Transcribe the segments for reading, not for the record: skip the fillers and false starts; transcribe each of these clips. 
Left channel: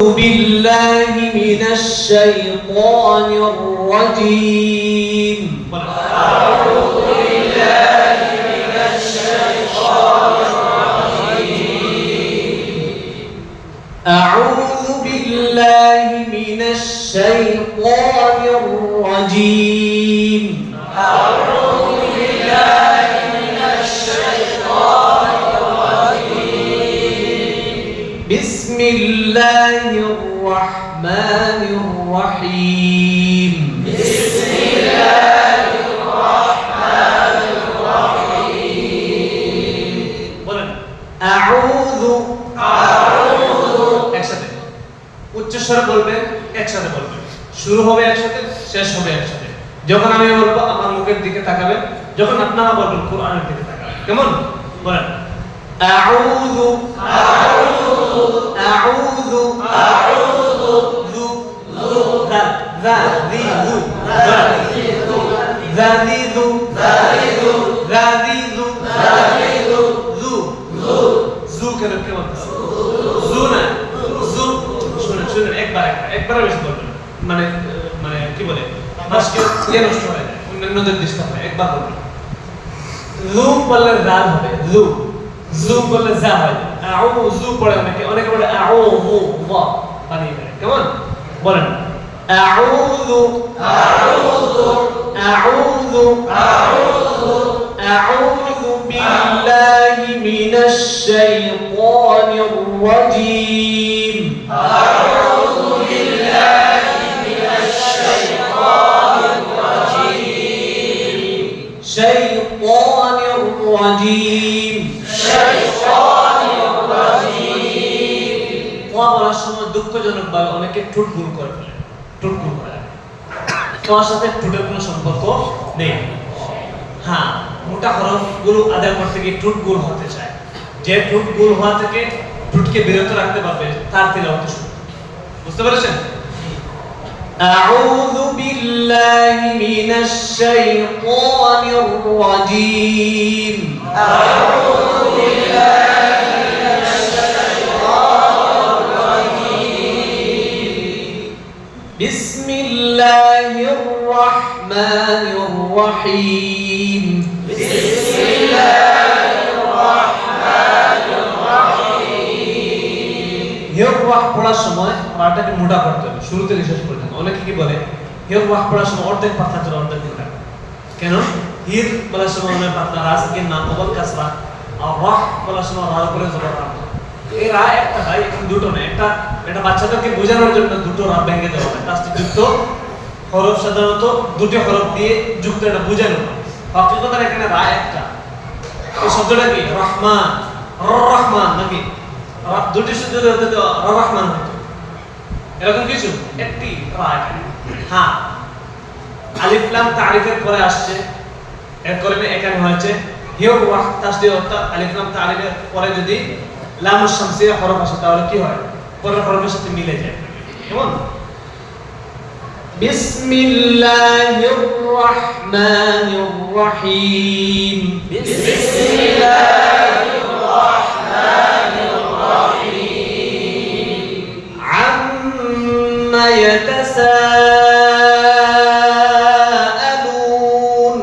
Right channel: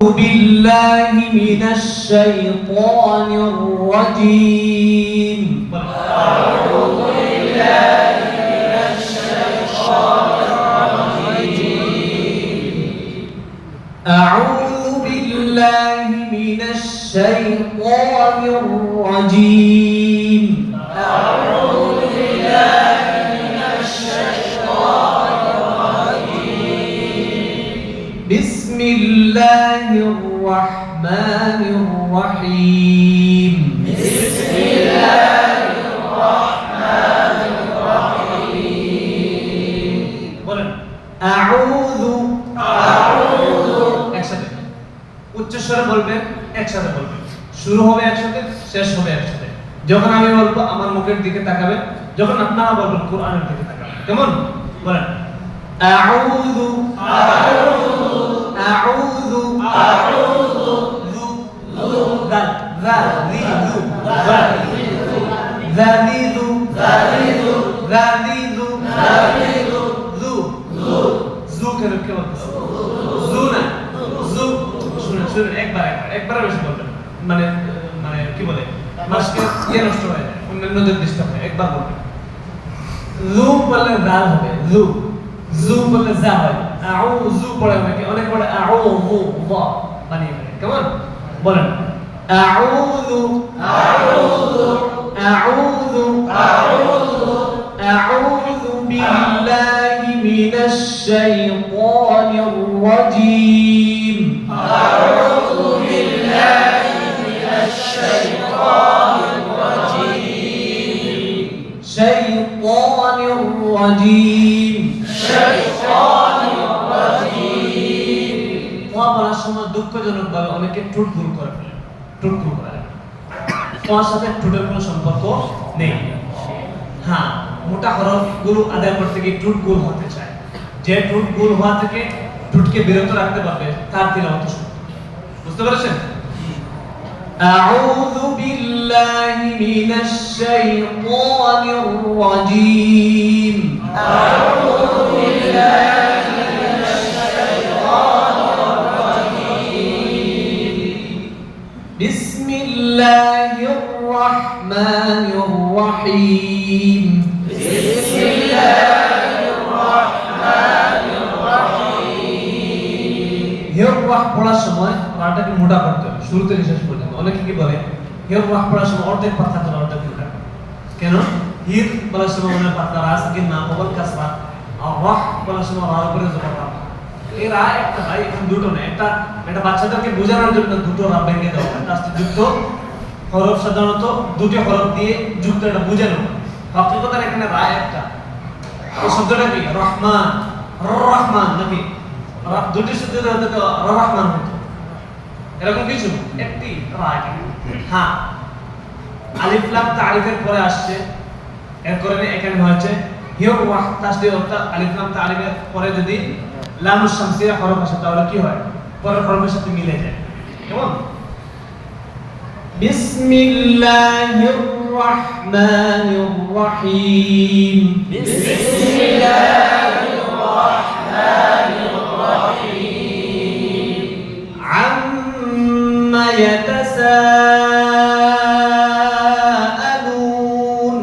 بالله من الشيطان الرجيم أعوذ بالله من الشيطان الرجيم أعوذ بالله من الشيطان الرجيم أعوذ بالله من الشيطان الرجيم بسم الله الرحمن الرحيم بسم الله الرحمن الرحيم বলেন আউযু একসাথে উচ্চ স্বরে বলবেন একসাথে বলবেন শুরু হবে একসাথে শেষ হবে একসাথে যখন আমি বলবো আমার মুখের দিকে তাকাবেন যখন আপনারা বলবেন কোরআনের দিকে তাকাবেন কেমন বলেন আউযু আউযু আউযু যু যা যা জি যু যাদিদু যাদিদু যাদিদু যাদিদু যু যু কেন কেমন যু না যু শুনুন শুনুন একবার বেশি বলবেন মানে মানে কি বলে মাসকে ইয়ে নষ্ট হয়ে যায় অন্যদের ডিস্টার্ব হয় একবার বলবেন যু বললে জাল হবে যু যু বললে যা হয় আউযু পড়ে অনেকে বলে আউযু ওয়া বানিয়ে ফেলে কেমন বলেন আউযু আউযু আউযু আউযু আউযু বিল্লাহি মিনাশ শাইতানির রাজীম أعوذ بالله من الشيطان الرجيم শাইতানির রাজীম الشيطان الرجيم বলার সময় দুঃখজনক ভাবে অনেকে ঠোঁট ভুল করে ফেলে ঠোঁট ভুল করে তোমার সাথে ঠোঁটের কোনো সম্পর্ক নেই হ্যাঁ মোটা হরফ গুলো আদায় করতে গিয়ে ঠোঁট ভুল হতে চায় যে ঠোঁট ভুল হওয়া থেকে ঠোঁটকে বিরত রাখতে পারবে তার তিলাওয়াত শুনুন বুঝতে পেরেছেন আউযু বিল্লাহি মিনাশ শাইতানির রাজীম أعوذ بالله من الشيطان الرجيم বিসমিল্লাহির রাহমানির রহিম بسم الله الرحمن الرحيم হির ওয়াহ পড়ার সময় পাটাকে মোটা করতে হবে শুরু থেকে শেষ পর্যন্ত অনেকে কি বলে হির ওয়াহ পড়ার সময় অর্ধেক পাতা চলে অর্ধেক মোটা কেন হির বলার সময় মনে পাতলা রাস কি না কবল কাসরা আর ওয়াহ বলার সময় রার উপরে জবর রা এই রা একটা ভাই এখন দুটো না এটা বাচ্চাদেরকে বোঝানোর জন্য দুটো রা ভেঙে দেওয়া হয় কাজটি যুক্ত হরফ সাধারণত দুটো হরফ দিয়ে যুক্ত এটা বোঝানো হয় হকিকতে এখানে রা একটা এই শব্দটা কি রহমান রহমান নাকি দুটি শব্দ হতে তো রহমান হতো এরকম কিছু একটি রা এখানে হ্যাঁ আলিফ লাম তারিফের পরে আসছে এর কারণে এখানে হয়েছে হিয়া ওয়াহ তাসদীদ অর্থাৎ আলিফ লাম তারিফের পরে যদি লাম শামসিয়া হরফ আসে তাহলে কি হয় পরের হরফের সাথে মিলে যায় কেমন বিসমিল্লাহির রাহমানির রহিম بسم الله الرحمن الرحيم عما يتساءلون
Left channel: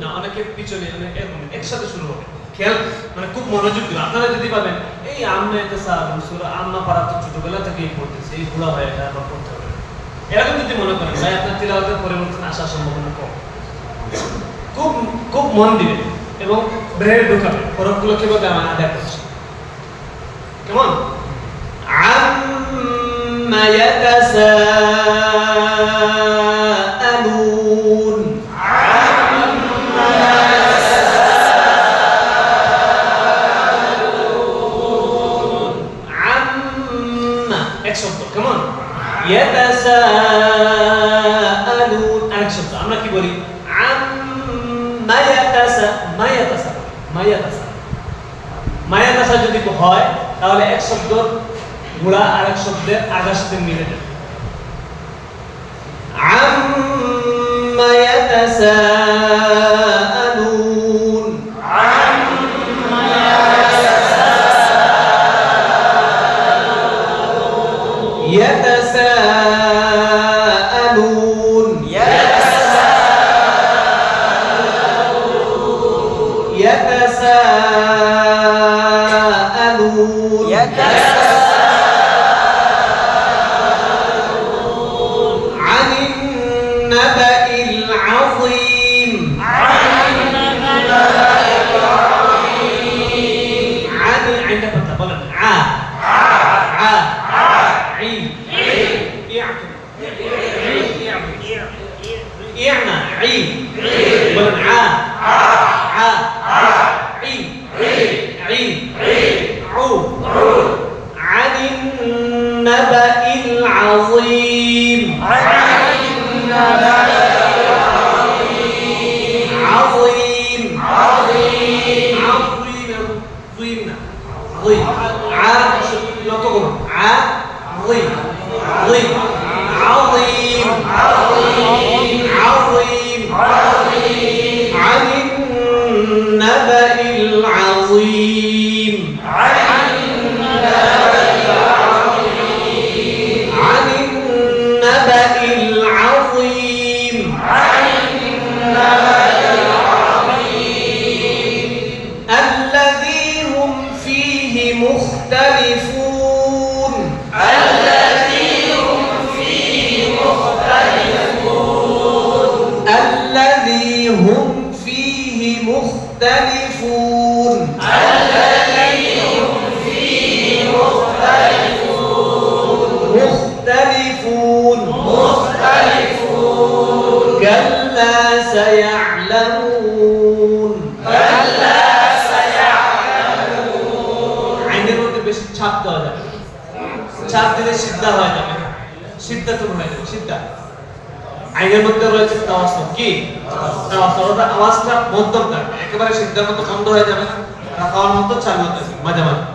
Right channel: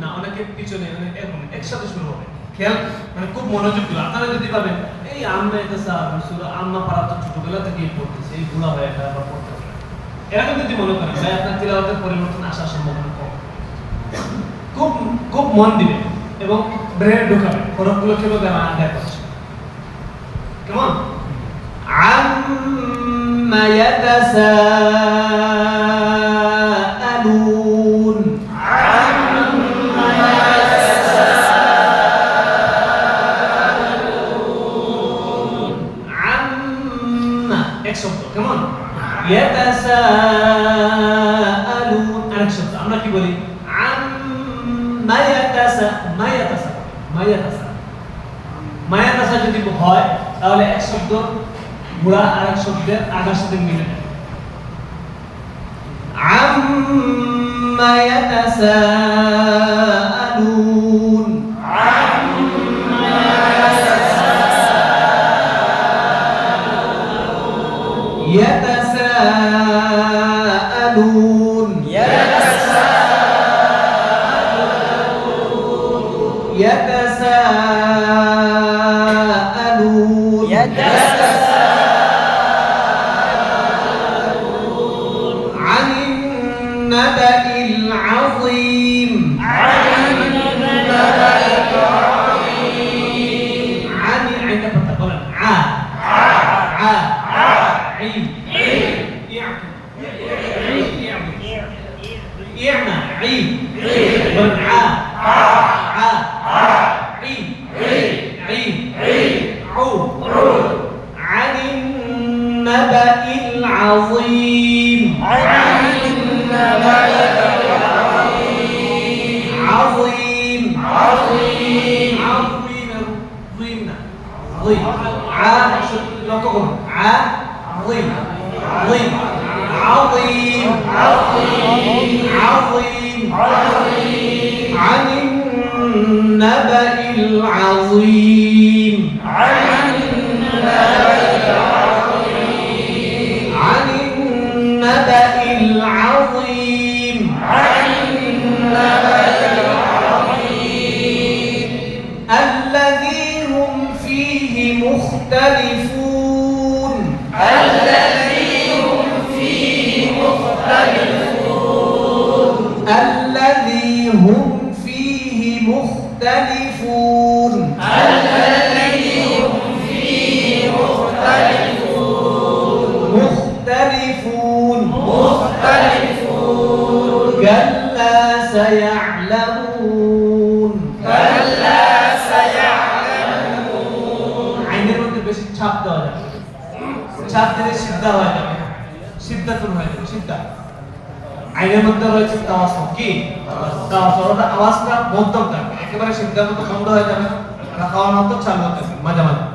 না অনেকে পিছনে এরকম একসাথে শুরু হবে খেয়াল মানে খুব মনোযোগ দিন আপনারা যদি পাবেন এই আম্মা ইয়াতাসাআলুন সূরা আম্মা পড়া তো ছোটবেলা থেকেই পড়তেছে এই বুড়া হয়ে এটা আবার পড়তে হবে এরকম যদি মনে করেন ভাই আপনার তিলাওয়াতের পরিবর্তন আসার সম্ভাবনা কম খুব খুব মন দিবেন এবং ব্রেনে ঢোকাবেন হরফগুলো কিভাবে আমার আদায় করছে কেমন আম্মা ইয়াতাসাআলুন আম্মা এক শব্দ কেমন ইয়াতাসাআলুন আরেক শব্দ আমরা কি বলি আম্মা ইয়াতাসা যদি হয় তাহলে এক শব্দ গুণা আরেক শব্দের আগার সাথে মিলে যায় আম্মা ইয়াতাসাআলুন يتساءلون عن النبأ العظيم عن عند بقول ع عين يعمى عين بقول ع عين عو عن النبأ العظيم عظيم ضي لا تقول عظيم عظيم عن النبأ العظيم عن النبأ العظيم الذي هم فيه مختلفون الذي هم فيه مختلفون كلا سيعلمون আইনের মধ্যে বেশি ছাপ দেওয়া যাবে ছাপ দিলে সিদ্ধা হয়ে যাবে সিদ্ধাতুন হয়ে যাবে সিদ্ধা আইনের মধ্যে রয়েছে তাওয়াসুল কি তাওয়াসুল আওয়াজটা মধ্যম থাকবে একেবারে সিদ্ধার মতো বন্ধ হয়ে যাবে রাখাওয়ার মতো চালু থাকবে মাঝে মাঝে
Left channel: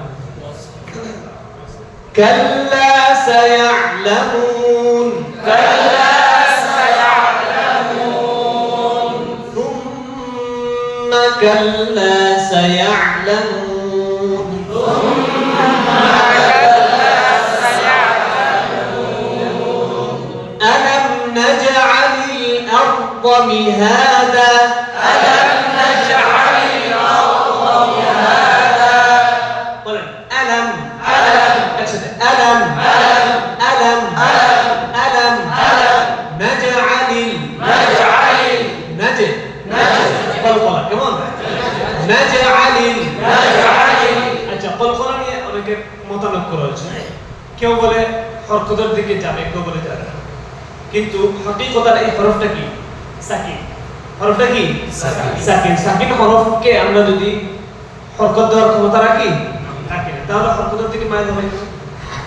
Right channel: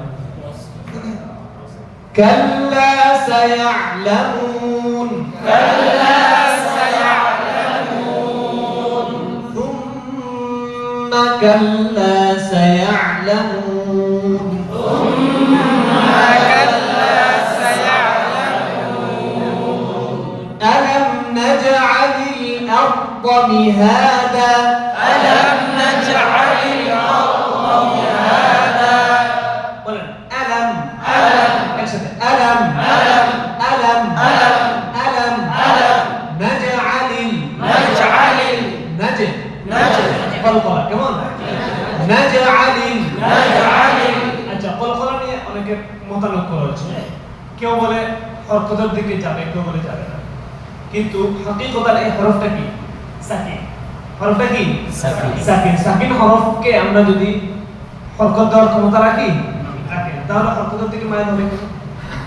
كلا سيعلمون ثم كلا سيعلمون ألم نجعل الأرض مهادا কেমন নাজআলিল আচ্ছা কলকলা নিয়ে অনেকের মতামত রয়েছে কেউ বলে হরকতের দিকে যাবে কেউ বলে যাবে কিন্তু হাকিকতার এই হরফটা কি সাকিন হরফটা কি সাকিন সাকিন হরফকে আমরা যদি হরকত দেওয়ার ক্ষমতা রাখি তাহলে হরকতের দিকে মাইল হবে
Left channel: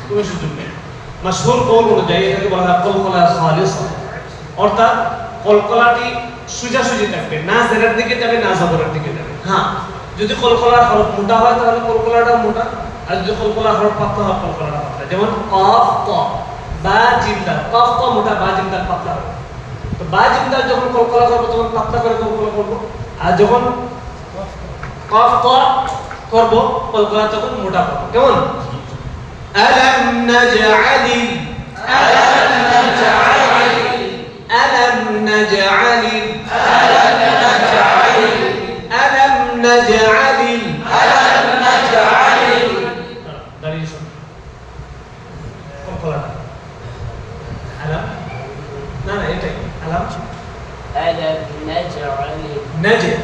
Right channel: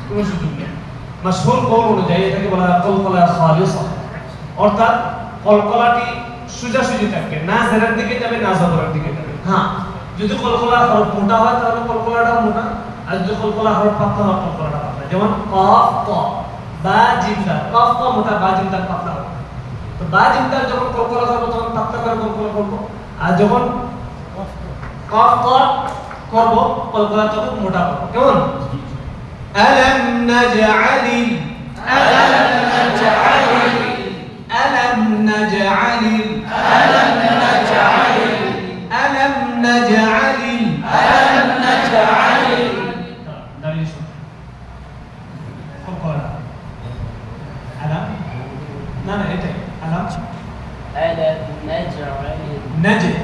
কোনো সুযোগ নেই মাশহুর কওল অনুযায়ী এটাকে বলা হয় কলকলা খালিসা অর্থাৎ কলকলাটি সোজাসুজি থাকবে না জেরার দিকে যাবে না জবরের দিকে যাবে হ্যাঁ যদি কলকলার হরফ মোটা হয় তাহলে কলকলাটা মোটা আর যদি কলকলার হরফ পাতলা হয় কলকলাটা পাতলা যেমন কফ ক বা জিম দাল কফ ক মোটা বা জিম দাল পাতলা হবে তো বা জিম দাল যখন কলকলা করব তখন পাতলা করে কলকলা করব আর যখন কফ ক করব কলকলা তখন মোটা করব কেমন আলাম নাজআলিল ألم نجعل dari isu kok alam nah itu alam naj'al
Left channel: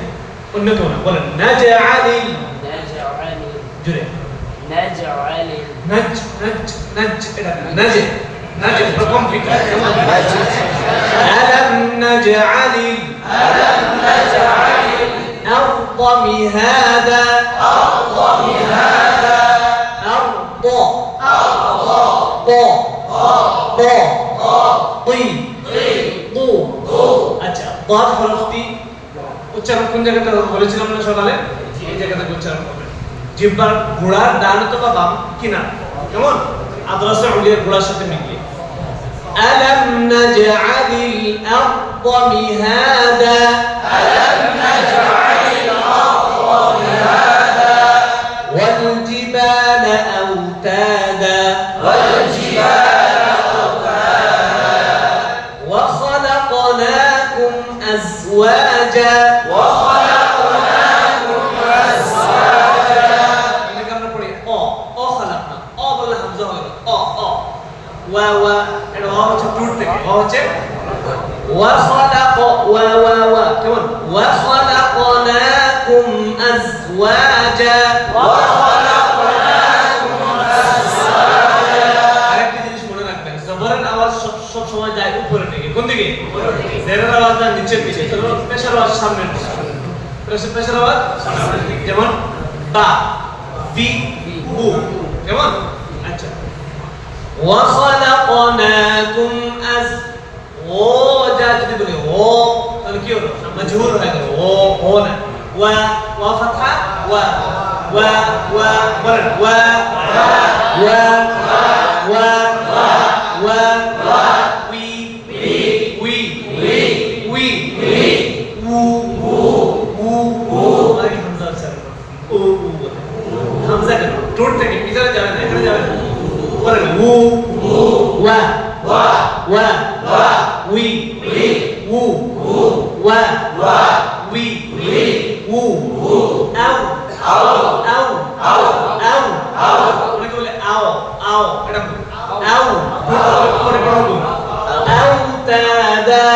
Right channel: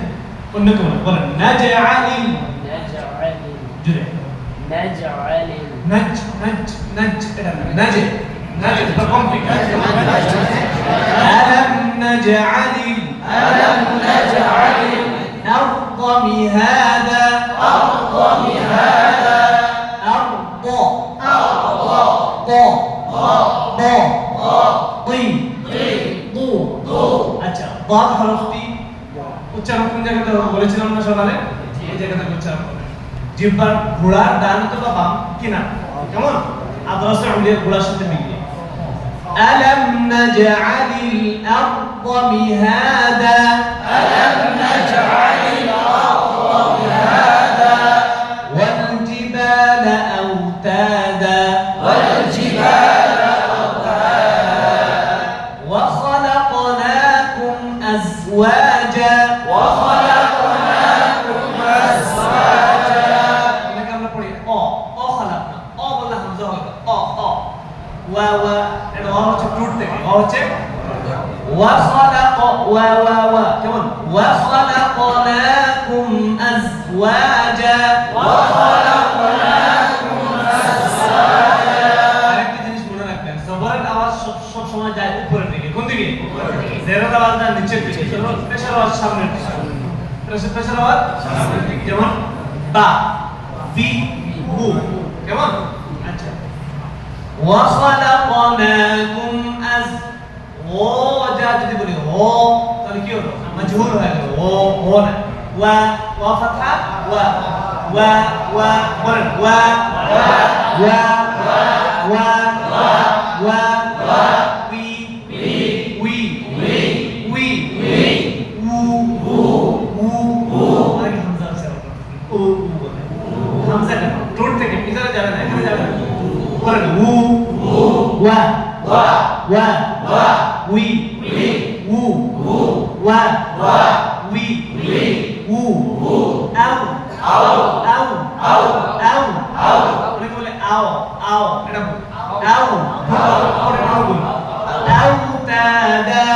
قلنا ولا نجعل جري نج رقم فيك ألم نجعل الأرض مهادا আচ্ছা ضاد হরফটি উচ্চারণ কোন জায়গাতে বলেছিলাম না সকালে এই জায়গাতে উচ্চারণ হবে জিহ্বার গোড়ার ডান অথবা বাম কিনারা কেমন আদরাসে উলিয়ার গোড়ার সাথে মিলিয়ে ألم نجعل الأرض مهادا والجبال أوتادا وخلقناكم أزواجا হচ্ছে وخلق كمان وخلقناكم أزواجا আরেকটা জিনিস মনে রাখবেন জবরের আওয়াজ সব সময় যায় উপরের দিকে কোন দিকে জেরের আওয়াজ যায় নিচের দিকে পেশের আওয়াজ সামনের দিকে পেশের আওয়াজ সামনের দিকে যেমন বা বি হু কেমন আচ্ছা وخلقناكم ও যা যদি বলি ও তাহলে কি হলো মজহুর হয়ে গেল ও না ওয়া ফাতহা ওয়া বলেন ওয়া উই আরে হামজা আছে উ বলে হামজা কেন ঠোঁট থেকে ভিতরে যাবে না এখানে যাবে না বলেন ওয়া উই উ ওয়া উই উ আও অনেকে বলে আও এটা আও পরে বলুন আওতাদা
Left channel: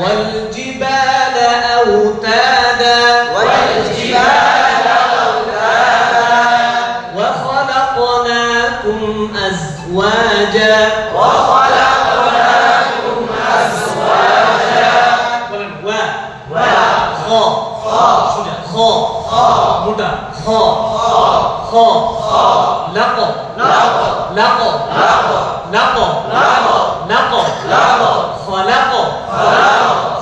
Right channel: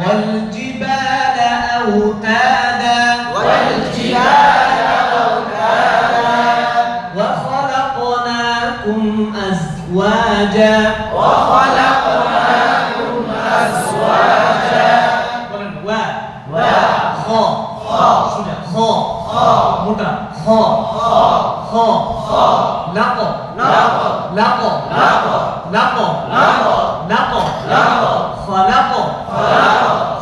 والجبال أوتادا وخلقناكم أزواجا বলেন ওয়া খ সোজা খ মোটা খ লাক খলাক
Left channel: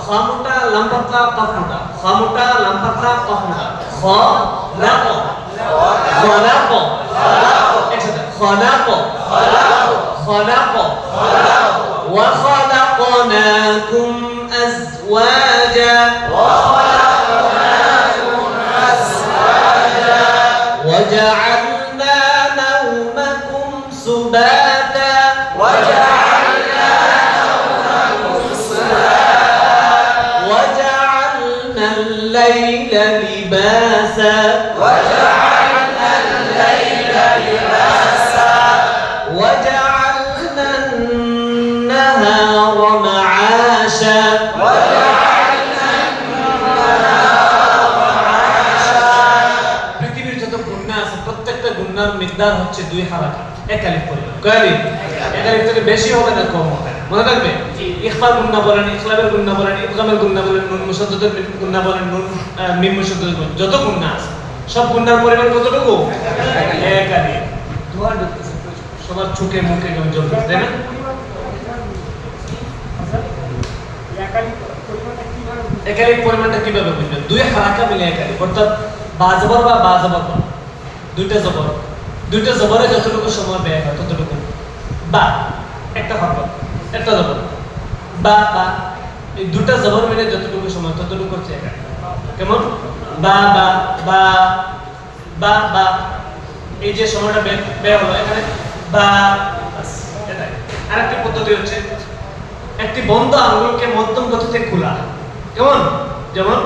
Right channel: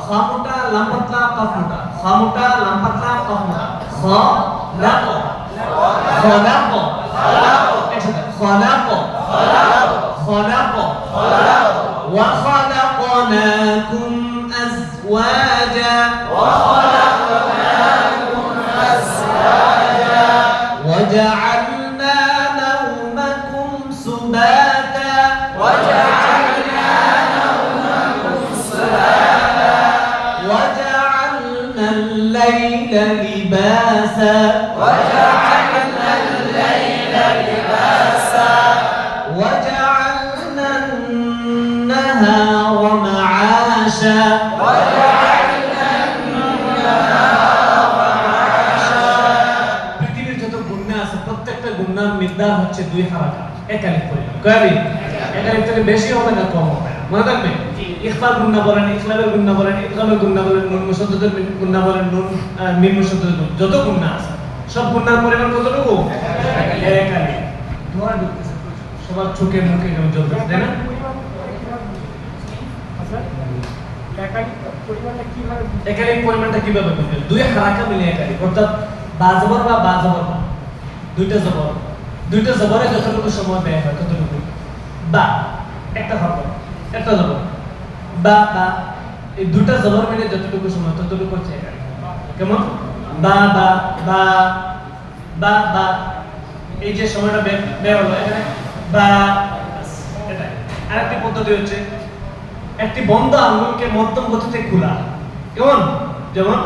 খামুটা লামপাতলা কাফমুটা খামুটা লামপাতলা কাফমুটা খলাক একসাথে খলাক وخلقناكم أزواجا وجعلنا نومكم سباتا وجعلنا الليل لباسا وجعلنا النهار معاشا পৃথিবীর যত গুণা আছে প্রত্যেকটা গুণার মিকদার হচ্ছে 2 হারাকাত এক আলিফ পরিমাণ কয় আলিফ এক আলিফ থেকে বেশি হবে না কম হবে না মনে রাখবে ইখফার গুণা বলেন ইখলাবের গুণা বলেন ইদগামের গুণা বলেন নুন মুশাদ্দাদের গুণা বলেন নুন মিম মুশাদ্দাদের যত গুণা আছে সব গুণার পরিমাণ কতটুকু এক আলিফ ধোয়া ঢুকতেছে সবার চোখে মুখে জল তাই না একালিফ পরিমাণটা কিভাবে বুঝবেন 2 হারাকা মিলে একালিফ অর্থাৎ বা জবর বা জবর দুইটা জবরে যতটুকু সময় ব্যয় হয় ততটুকু বা একটা হরফ একটা জবর বা এই দুটা জবর মিলে যতটুকু সময় ততটুকু হচ্ছে একালিফ কেমন বা এই যে সময়টা ব্যয় হলো এখানে বা এটাই আরেকটি পদ্ধতি হচ্ছে একটি বন্ধ আঙ্গুলকে মধ্যম গতিতে খোলা কেমন যেমন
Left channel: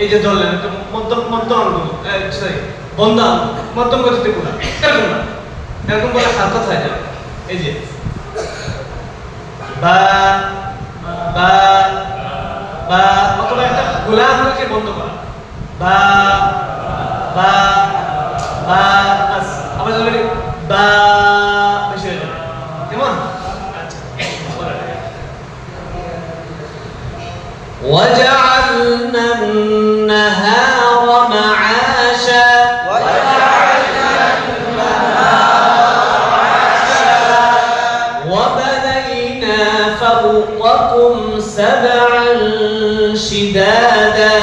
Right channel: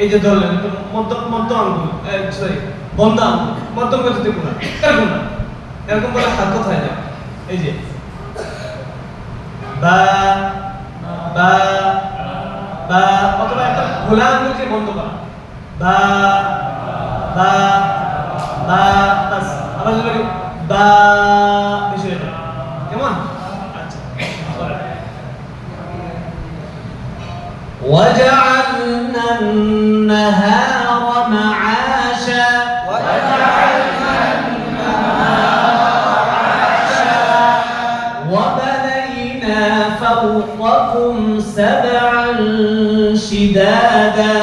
এই যে ধরলেন একটা মধ্যম আঙ্গুল সরি বন্ধ আঙ্গুল মধ্যম গতিতে খোলা এরকম বলে হারকত হয়ে যাবে এই যে বা অথবা একটা খোলা আঙ্গুলকে বন্ধ করা বা আবার যদি বা বেশি হয়ে যাবে কেমন আচ্ছা وجعلنا النهار معاشا وبنينا فوقكم 7 شدادا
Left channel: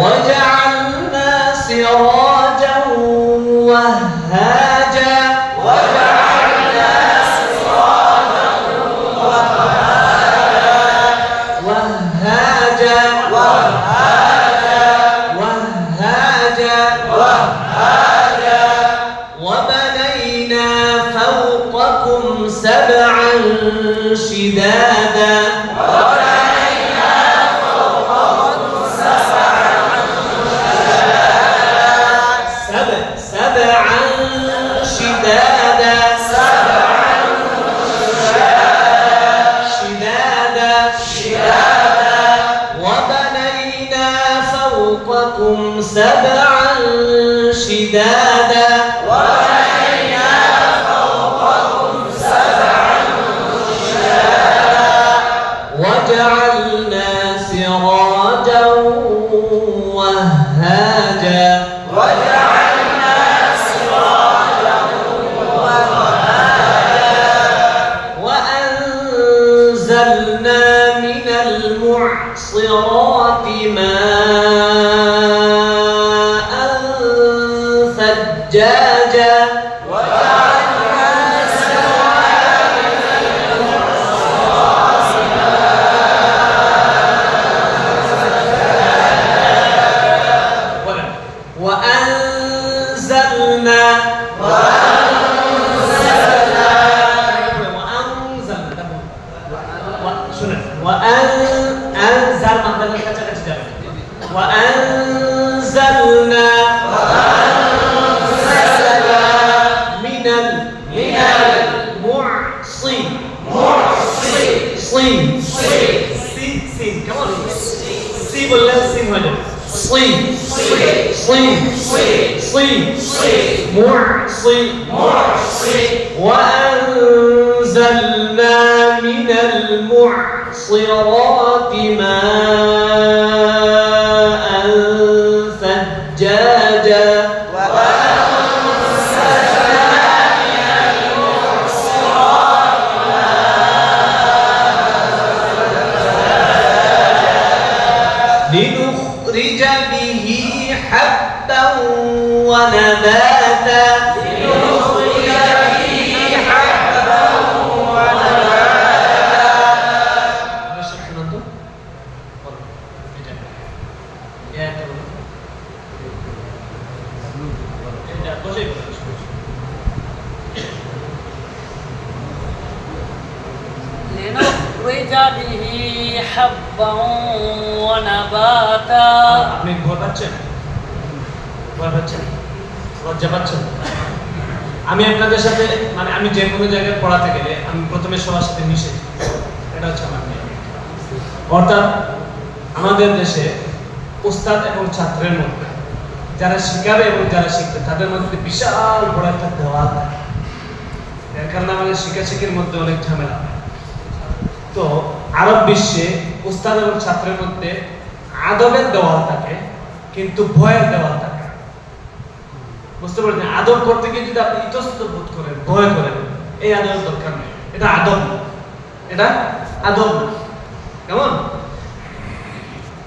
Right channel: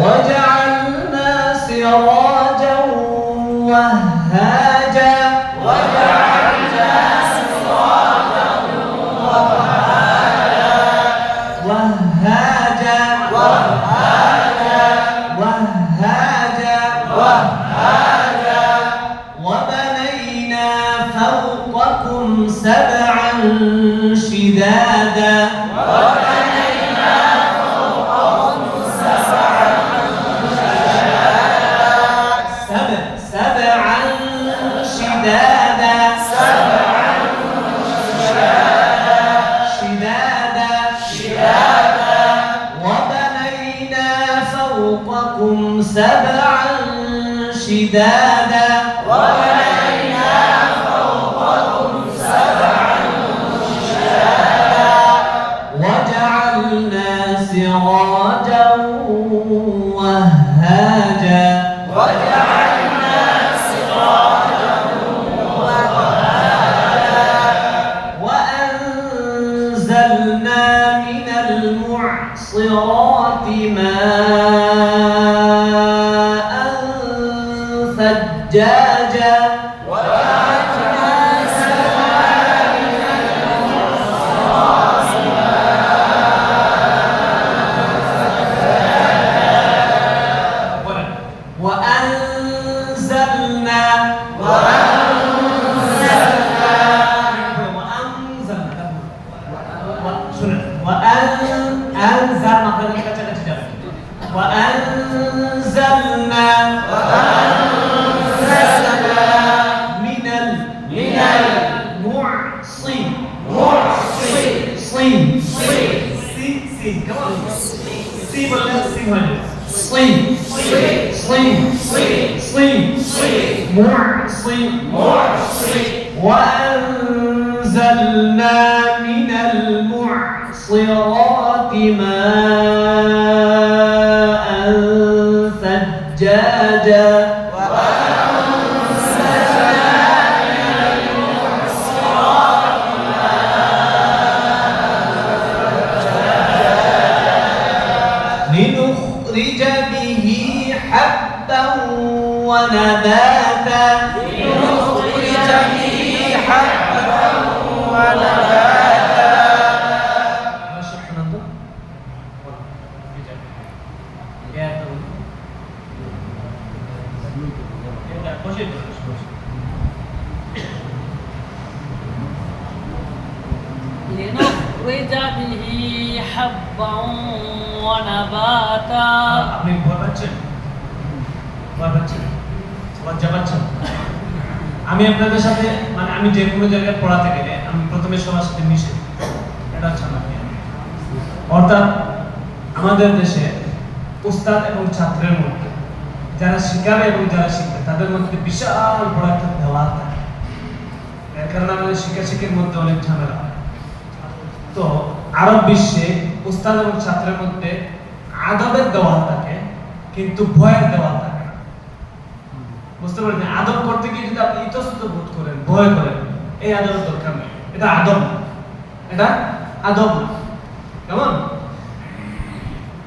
وجعلنا سراجا وهاجا وبنينا فوقكم 7 شدادا شدادا شدادا وبنينا فوقكم سبعا شدادا وجعلنا سراجا وهاجا وأنزلنا من المعصرات ماء ثجاجا وأنزلنا وأنزلنا من المعصي سين كمان سي ولا سين هذا صي معصي وأنزلنا من المعصرات ماء ثجاجا لنخرج به حبا ونباتا لنخرج به حبا ونباتا আপনি ভয় পাচ্ছেন লজ্জা পাচ্ছেন আমি আপনাদের সাথে মানে আমি যে কোনো জায়গায় পড়াতে গেলে আমি প্রথমে সবার সাথে মিশে যাই। এটা হচ্ছে আমার নিয়ম। অর্থাৎ আমাদের দেশে উস্তাদ এবং ছাত্রের মধ্যে যারা শিখাবে এবং যারা শিখবে তাদের মধ্যে বিশাল বড় একটা দেওয়াল থাকে। এর কারণে আমাদের শিক্ষাশিক্ষির মধ্যে অনেক ঝামেলা হয়। তো আরব বিশ্বে উস্তাদ এবং ছাত্রের মধ্যে আদবের দেওয়াল থাকে কিন্তু ভয়ের দেওয়াল থাকে না। বুঝতে পারছেন? আদব করতে গিয়ে যদি আপনি ইতস্তত বোধ করেন, ভয় করেন, এই আদব দরকার নেই। এটা আদব না, এটা আদব না। কেমন?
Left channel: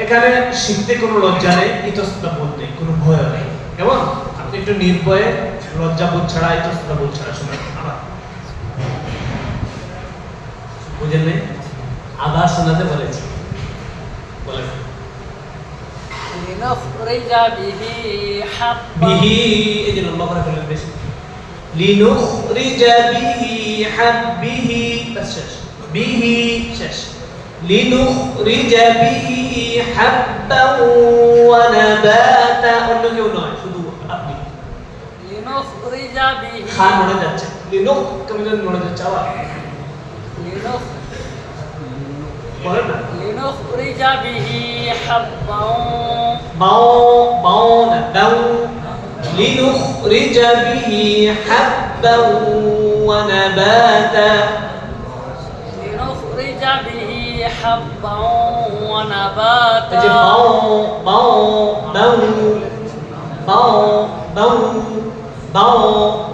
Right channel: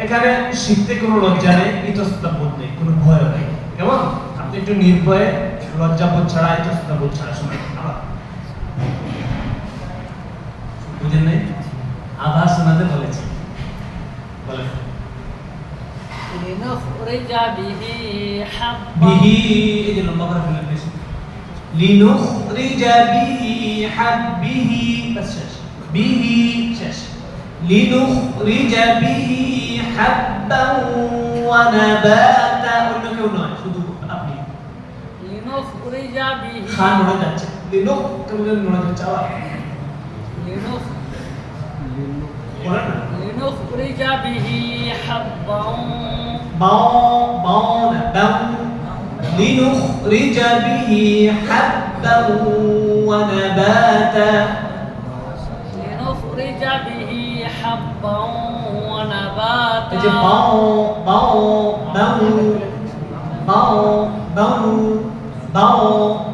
এখানে শিখতে কোনো লজ্জা নেই, ইতস্তত বোধ নেই, কোনো ভয় নেই। কেমন? আপনি একটু নির্ভয়ে লজ্জা বোধ ছাড়া, ইতস্তত বোধ ছাড়া শোনেন। আবার বুঝেন নেই? আবার শোনাতে বলেছি, বলেন। لنخرج به حبا বিহি এই যে লম্বা করে ফেলেন বেশি। লিনুখরিজ বিহি হাব্বিহি বাস শেষ। বিহি শেষ। লিনুখরিজ বিহি হাব্বান ওয়া নাবাতা অন্য কেউ নয়, শুধু আপনি। لنخرج به খান নড়ে যাচ্ছে। লিনুখ কেমন নড়ে যাচ্ছে আবার। বলেন না। لنخرج به حبا বাও না দাও। লিনুখরিজ বিহি হাব্বান ওয়া নাবাতা لنخرج به حبا এই যে ونباتا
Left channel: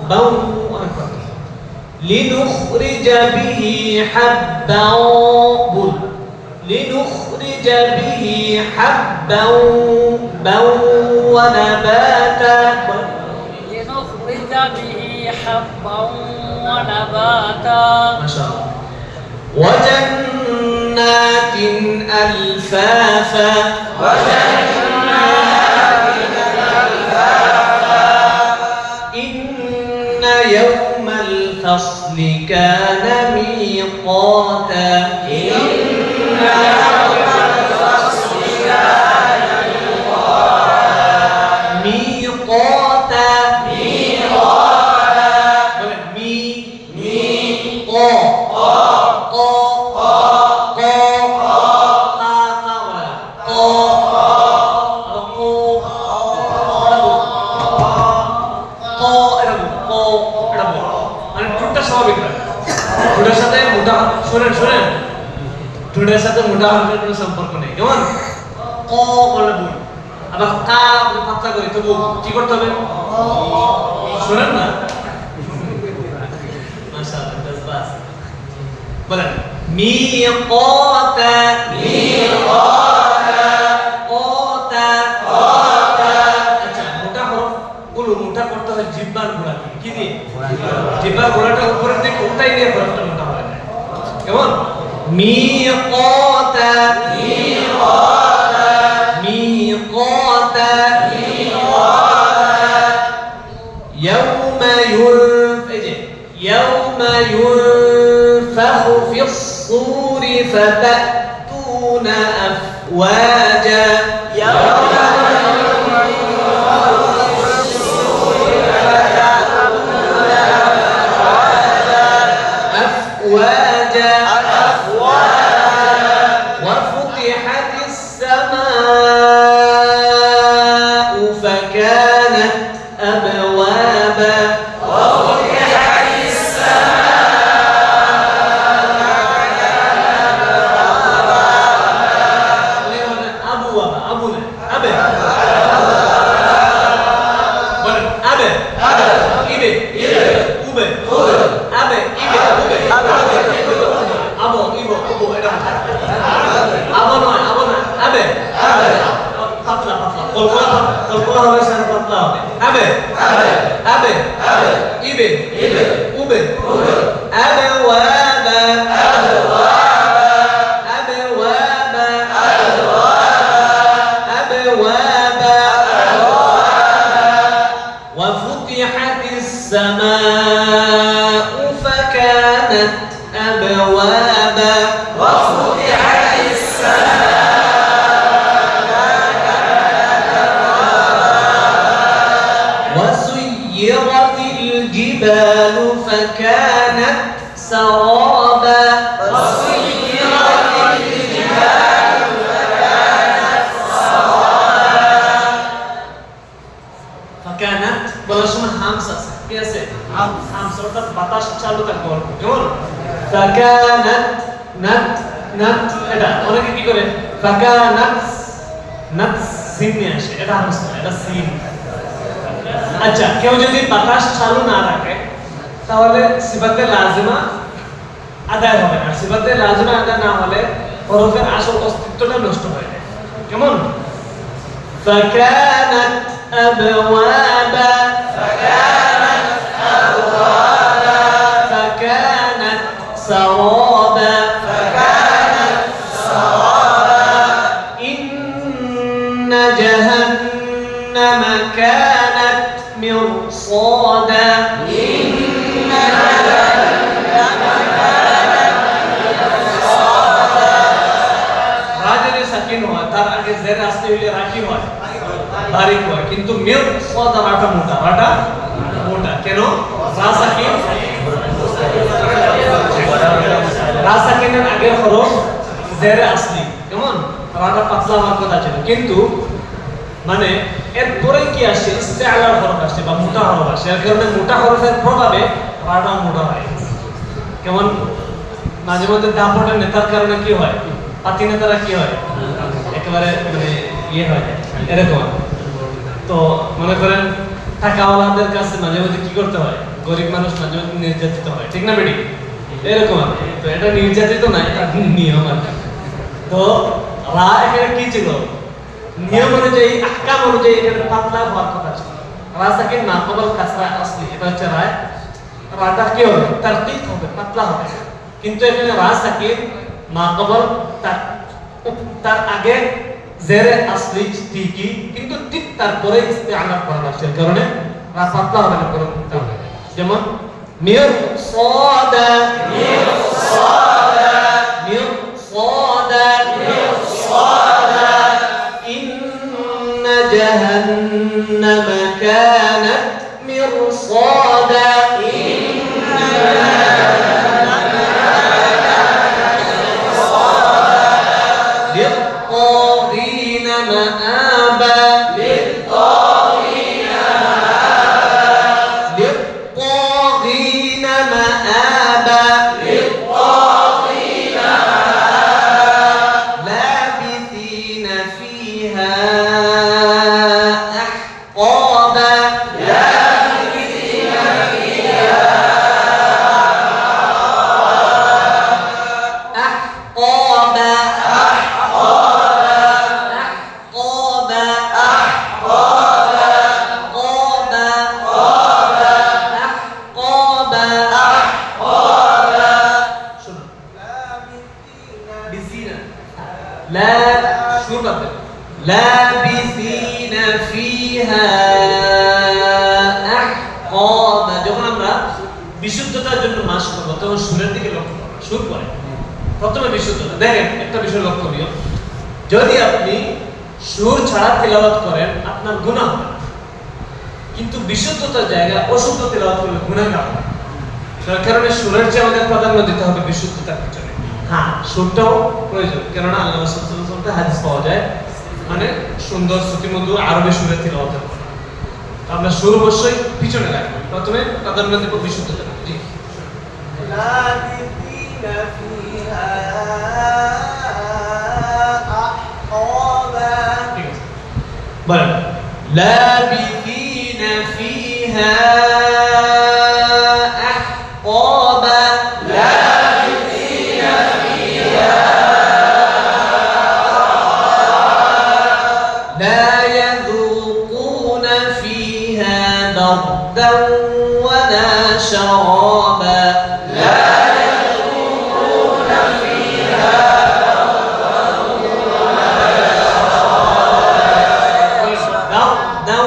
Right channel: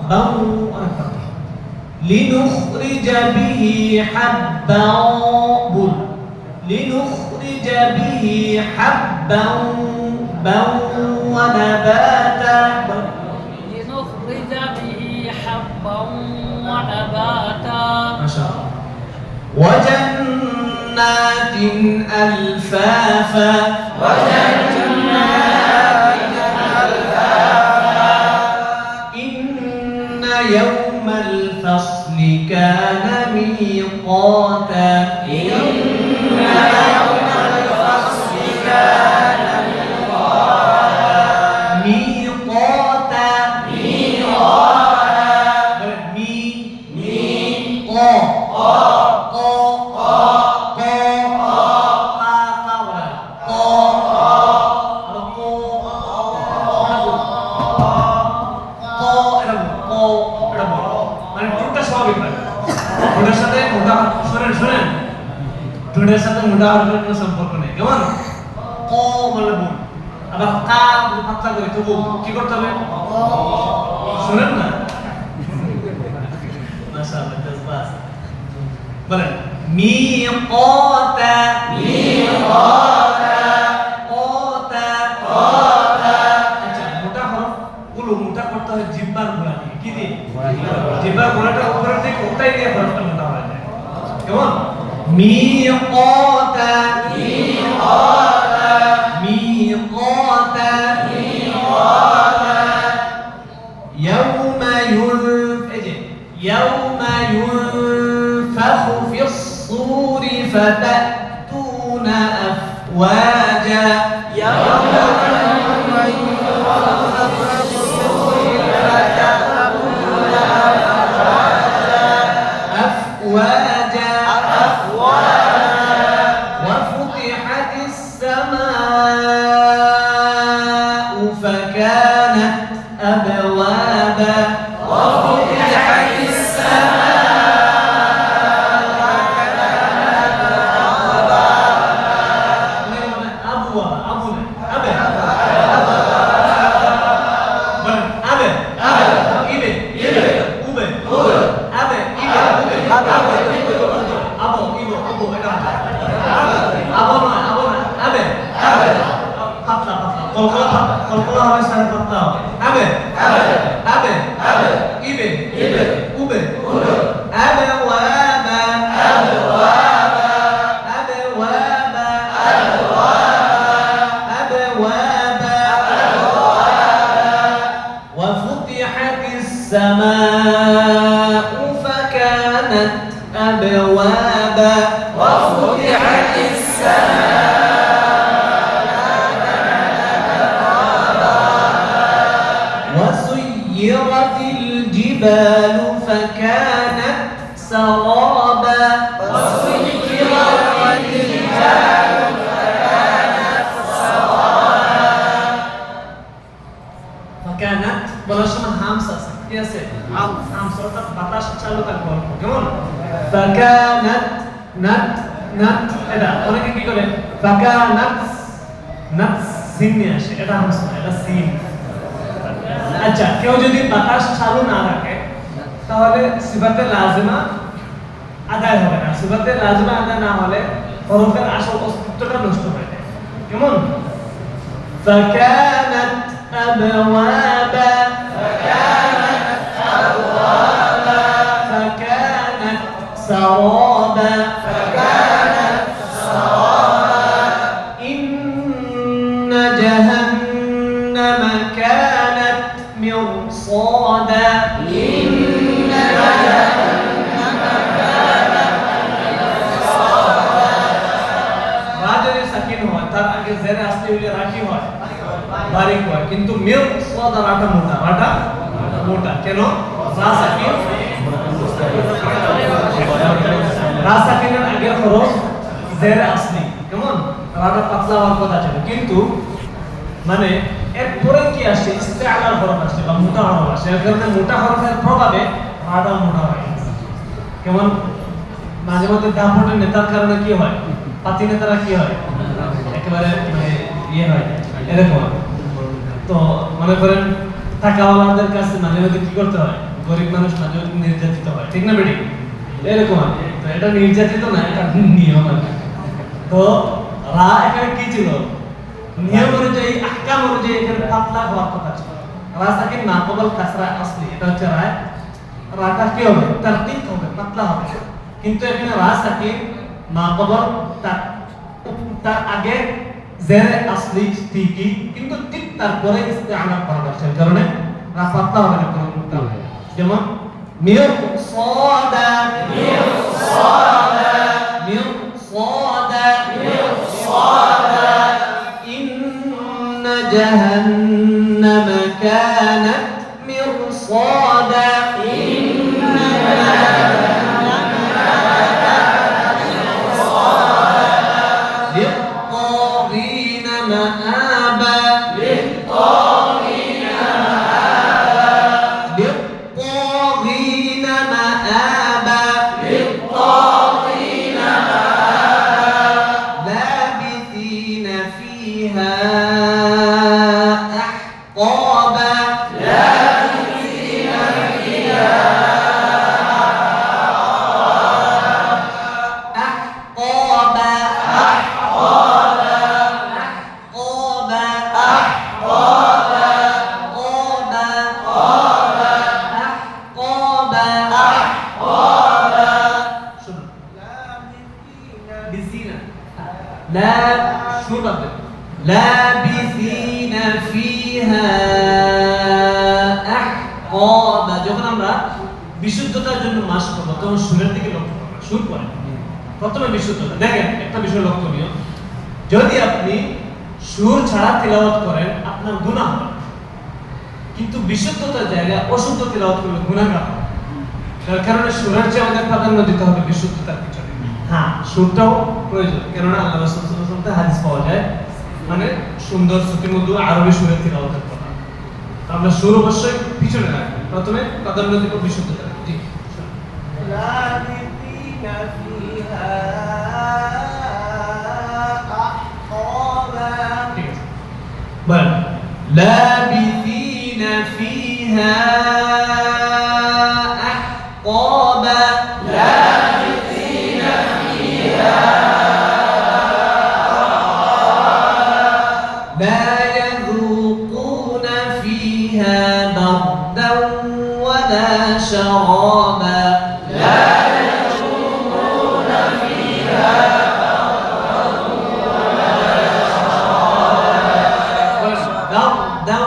বাও অনেক কথা। লিনুখরিজ বিহি হাব্বান বুল লিনুখরিজ বিহি হাব্বান ওয়া নাবাতা لنخرج به حبا ونباتا মাশাআল্লাহ। وجنات ألفافا إن يوم الفصل كان ميقاتا ميقاتا স্বাভাবিক হয় ঠোঁটের সাথে মোটা শোনেন ঠোঁটের সাথে মোটা হওয়ার কোনো সম্পর্ক নেই কেমন ক বলে বল আবার কা বলে পাতলা করে তবু কি করতে হবে শোনেন না মাশাআল্লাহ বাস বলেন মিকাতা আচ্ছা মোটা হরফ গুলো মোটা করতে হয় জিহ্বার গোড়া দিয়ে কি দিয়ে জিহ্বার গোড়াটা উপরের দিকে উল্টাই দিয়ে হরফটা মোটা হয়ে যায় কেমন মিকাতা يوم ينفخ في الصور فتأتون أفواجا يوم أفواجا وفتحت السماء فكانت أبوابا কলকলা হবে সাথে পাতলা হবে আবে আবে ইবে উবে আবে ওয়াবা আবে ওয়াবা আবে ওয়াবা وفتحت السماء فكانت أبوابا وفتحت وسيرت الجبال فكانت سرابا وسيرت الجبال فكانت سرابا فكانت বলার সময় হামস আছে কি আছে হামস অর্থাৎ বাতাস চালু থাকবে অল্প কেমন فكانت নাত এটা অনেকে কি করে فكانت নাত সিন নিয়ে আসে এটা হামস না এটা সিন আচ্ছা কেউ যদি বাতাস চালু না রাখে তাহলে সিফাতে লাজিমা আদায় হবে না সিফাতে লাজিমা আদায় না হলে হরফের আসল অস্তিত্বটা নষ্ট হয়ে যায় কেমন فكانت أبوابا فكانت سرابا إن جهنم كانت مرصادا রাজের সাকিন হয় তার আগে জের আসতে হইলে রাখি হয় বারিক হয় কিন্তু মিরসাদ রাটা মোটা কেন রা সাকিনের আগের হরফ জের আসলি কেমন রাটা পাতলা হওয়ার কথা ছিল কিন্তু মানে এরপরে কি আসছে ইস্তেআলার হরফ আসছে বা মোটা হরফ আসছে এর কারণে মোটা হরফের প্রভাবে রাটাও মোটা হয় কেমন মাঝে মধ্যে দাপটের নেতার কারণে কি হয় পাতি নেতারা কি হয় একেবারে মানে ইয়ে হয় এরকম তো মনে করেন টাকাওয়ালাদের কাছে মাঝে মধ্যে কি করতে হয় গরিব মানুষ মাঝে মধ্যে নির্যাতিত হয় ঠিক না বেটি এরকম আর কি তো এটা নির্যাতিত না এটা নিয়ম আর কি তো রা এখানে কি ছিল নিয়ম অনুযায়ী আহকাম অনুযায়ী এখানে পাতলা হওয়ার কথা ছিল রা সাকিন না কবল কাসরা আসলি এটা হচ্ছে রায় রাটা কি হবে তারকিক হবে পাতলা হবে কিন্তু এখানে রা সাকিন না কবল তার আগে জেরে আসলি ঠিকই কিন্তু ঠিক তারপরে ইস্তেআলা করা হচ্ছে এর কারণে রা পাতলা হবে না কারণ যেমন মিরসাদা إن جهنم كانت مرصادا للطاغين مآبا للطاغين مآبا লাবিসিনা ফিহা আহকাবা। যখন আমরা বিশুদ্ধতার জন্য মাস করব তখন সুরের দিকে লক্ষ্য করব। সুর পরে প্রথমে বিশুদ্ধতা। দেখেন একটা বিষয় লক্ষণীয়, যদি আপনি সুর ছাড়া তেলাওয়াত করেন আপনার গুনাহ হবে, কিন্তু বিশুদ্ধতার জায়গায় অশুদ্ধ তেলাওয়াত করলে গুনাহগার হবে। তার কারণে সুরের চেয়ে আমাদের প্রাধান্য দিতে হবে বিশুদ্ধতার পিছনে। হ্যাঁ, সুরটাও প্রয়োজন, কেননা আল্লাহ রাসূল সাল্লাল্লাহু আলাইহি ওয়াসাল্লাম হাদিস পাওয়া যায় মানে সুন্দর শ্রুতিমধুর আরবি সুরে তেলাওয়াত করা। আমরা সুর অবশ্যই পিছনে রাখবো, প্রথমে প্রাধান্য দেব বিশুদ্ধতা। জি, লাবিসিনা ফিহা আহকাবা। ঠিক আছে, বলেন লাবিসিনা ফিহা আহকাবা। লাবিসিনা ফিহা لا يذوقون فيها بردا ولا شرابا. لا يذوقون فيها بردا بردا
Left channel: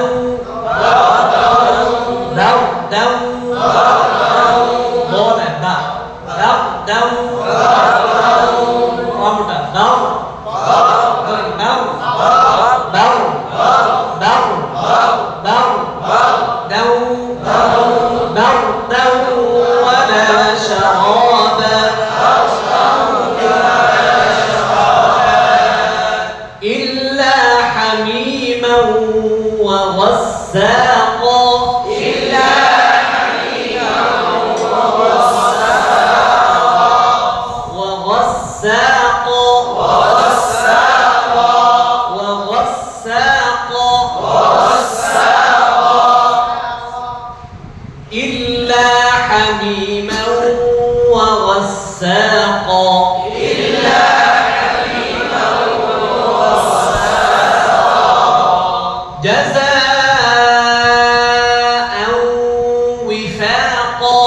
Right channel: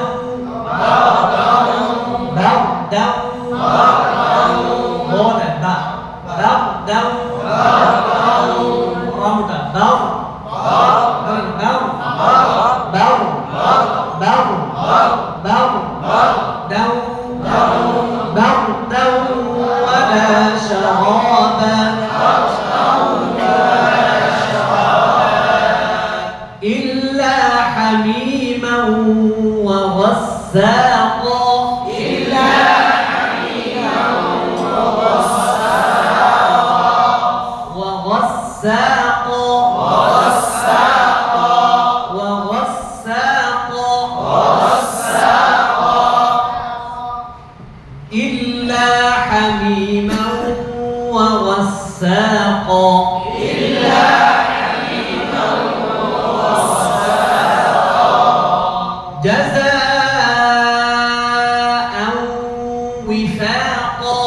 بولا با بردا رمتا بر إلا حميما وغساقا. إلا حميما وغساقا وغساقا وغساقا إلا حميما وغساقا. إلا حميما جزاء وفاقا.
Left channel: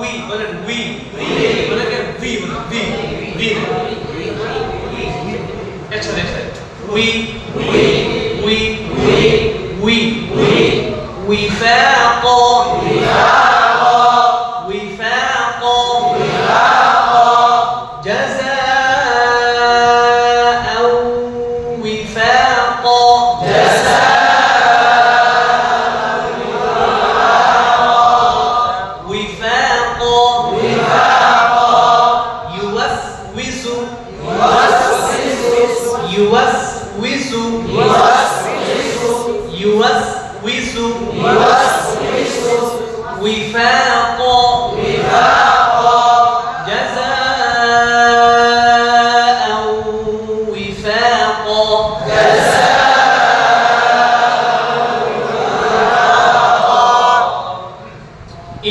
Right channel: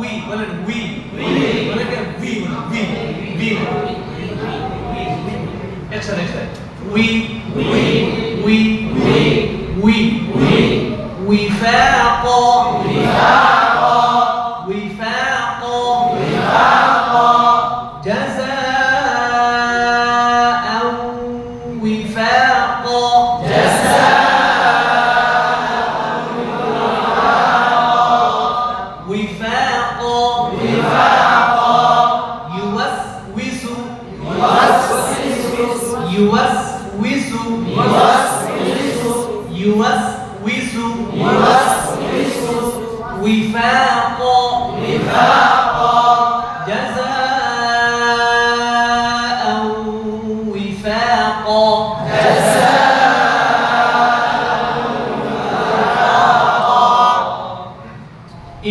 وي بلن وي بلن كان في بلن في اكسر وي وفاقا وفاقا جزاء وفاقا. يوسوس وفاقا جزاء وفاقا.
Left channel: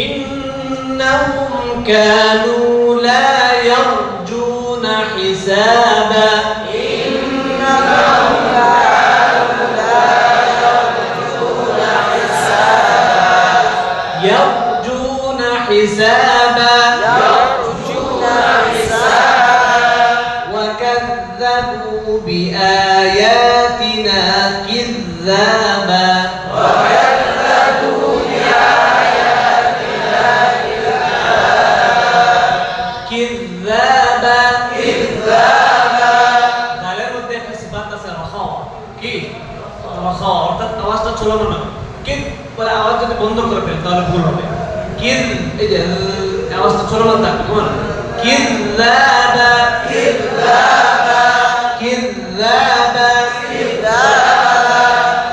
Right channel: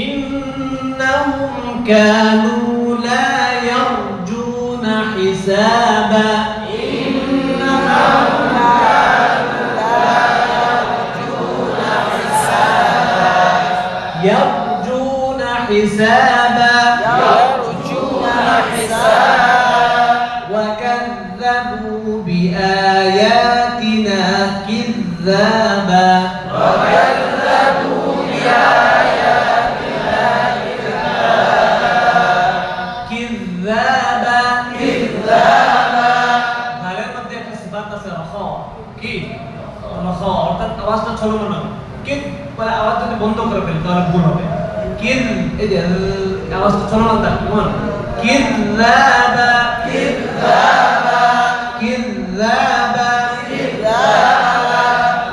إنهم كانوا لا يرجون حسابا. يرجون حسابا وكذبوا بآياتنا كذابا. গালের মধ্যে একটা সিফাত আছে রাখা, কি রাখা, অর্থাৎ আওয়াজটা চলবে না, কিন পরে আওয়াজ যদি বন্ধ করে ফেলেন তাহলে ভুল হবে। কিন এই যে আওয়াজটা চলবে না, কেমন কিযাবা কিযাবা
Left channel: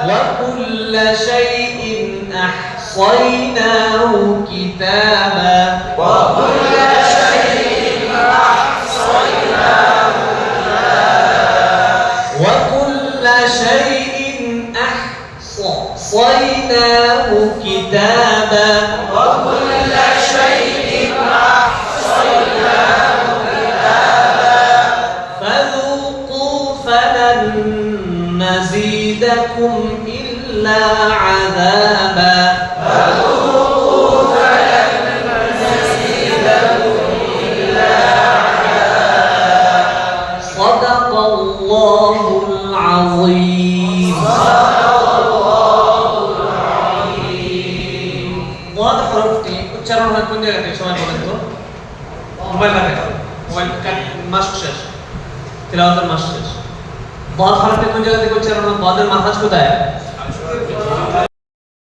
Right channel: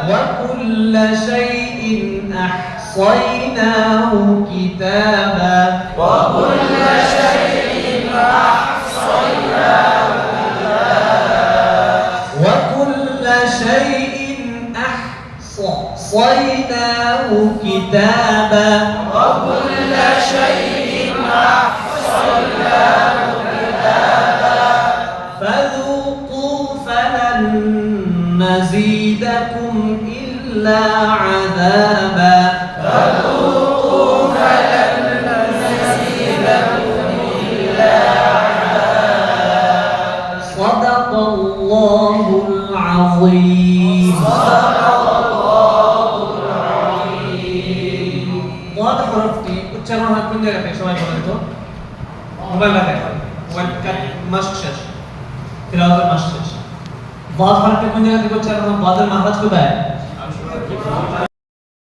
ওয়া কুল্লা শাইইন আহসাইনাহু কিতাবা. وكل شيء أحصيناه كتابا. فذوقوا فلن نزيدكم إلا عذابا. فذوقوا فلن نزيدكم إلا উচ্চারণ হয় কোন জায়গা থেকে সবাই বলেন তো? মোবাইল কাটে, মোবাইল মাস শেষ, তিলাওয়াতের মাস শেষ। বাদ হরফটা কোন জায়গা থেকে উচ্চারণ হয়? বাদের মাখরাজ কোথায়?